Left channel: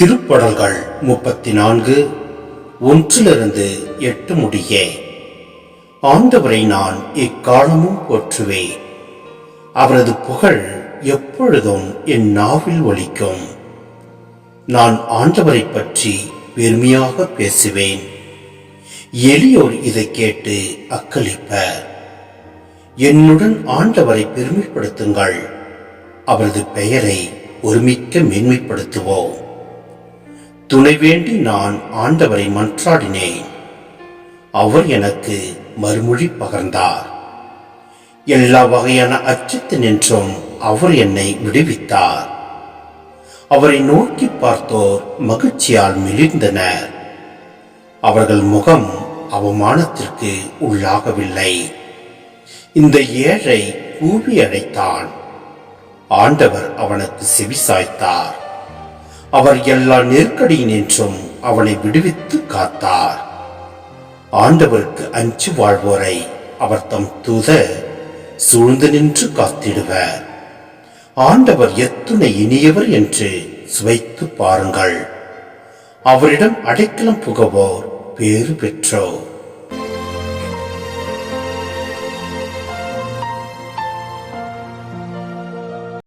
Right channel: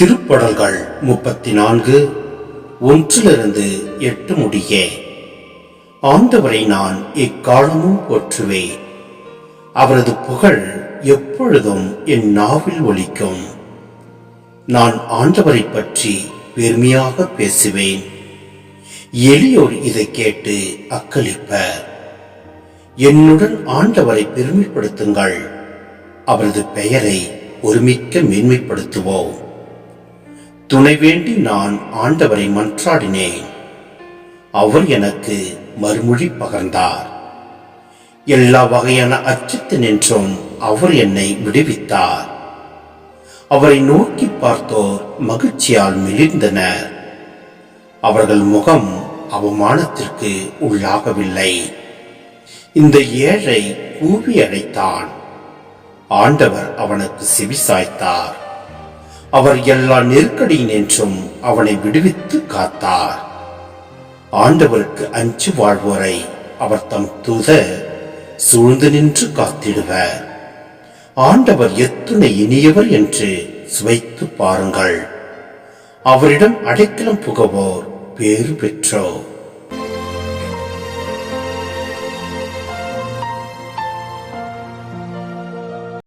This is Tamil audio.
திருப்படல்கள் 34 1-8 முடிய. ஆண்டவரை நான் எக்காலமும் போற்றுவேன். அவரது புகழ் எப்பொழுதும் என் நாவில் ஒலிக்கும். நான் ஆண்டவரை பற்றி பெருமையாக பேசுவேன். எளியோர் இதை கேட்டு அக்களிப்பர். என்னுடன் ஆண்டவரை பெருமைப்படுத்துங்கள். அவரது பெயரை ஒருமிக்க மேன்மைப்படுத்துவோம். துணை வேண்டி நான் ஆண்டவரை மன்றாடினேன். அவர் எனக்கு மறுமொழி பகர்ந்தார். எல்லா வகையான அச்சத்தினின்றும் அவர் என்னை விடுவித்தார். அவரை நோக்கி பார்த்தோர் மகிழ்ச்சியால் மெலிர்ந்தனர். அவர்கள் முகம் அவமானத்திற்கு உள்ளாகவில்லை. இந்த ஏழை கூவி அழைத்தான். ஆண்டவர் அவனுக்கு செவிசாய்த்தார். அவர் எல்லா நெருக்கடியினின்றும் அவனை விடுவித்து காத்தார். ஆண்டவருக்கு அஞ்சு வாழ்வோரை அவர் தம் தூதர் சூழ்ந்து நின்று காத்திடுவர். ஆண்டவர் எத்துணை இனியவர் என்று சுவைத்து பாருங்கள். அவரிடம் அடைக்கலம் புகுவோர் பேறு பெற்றோர்.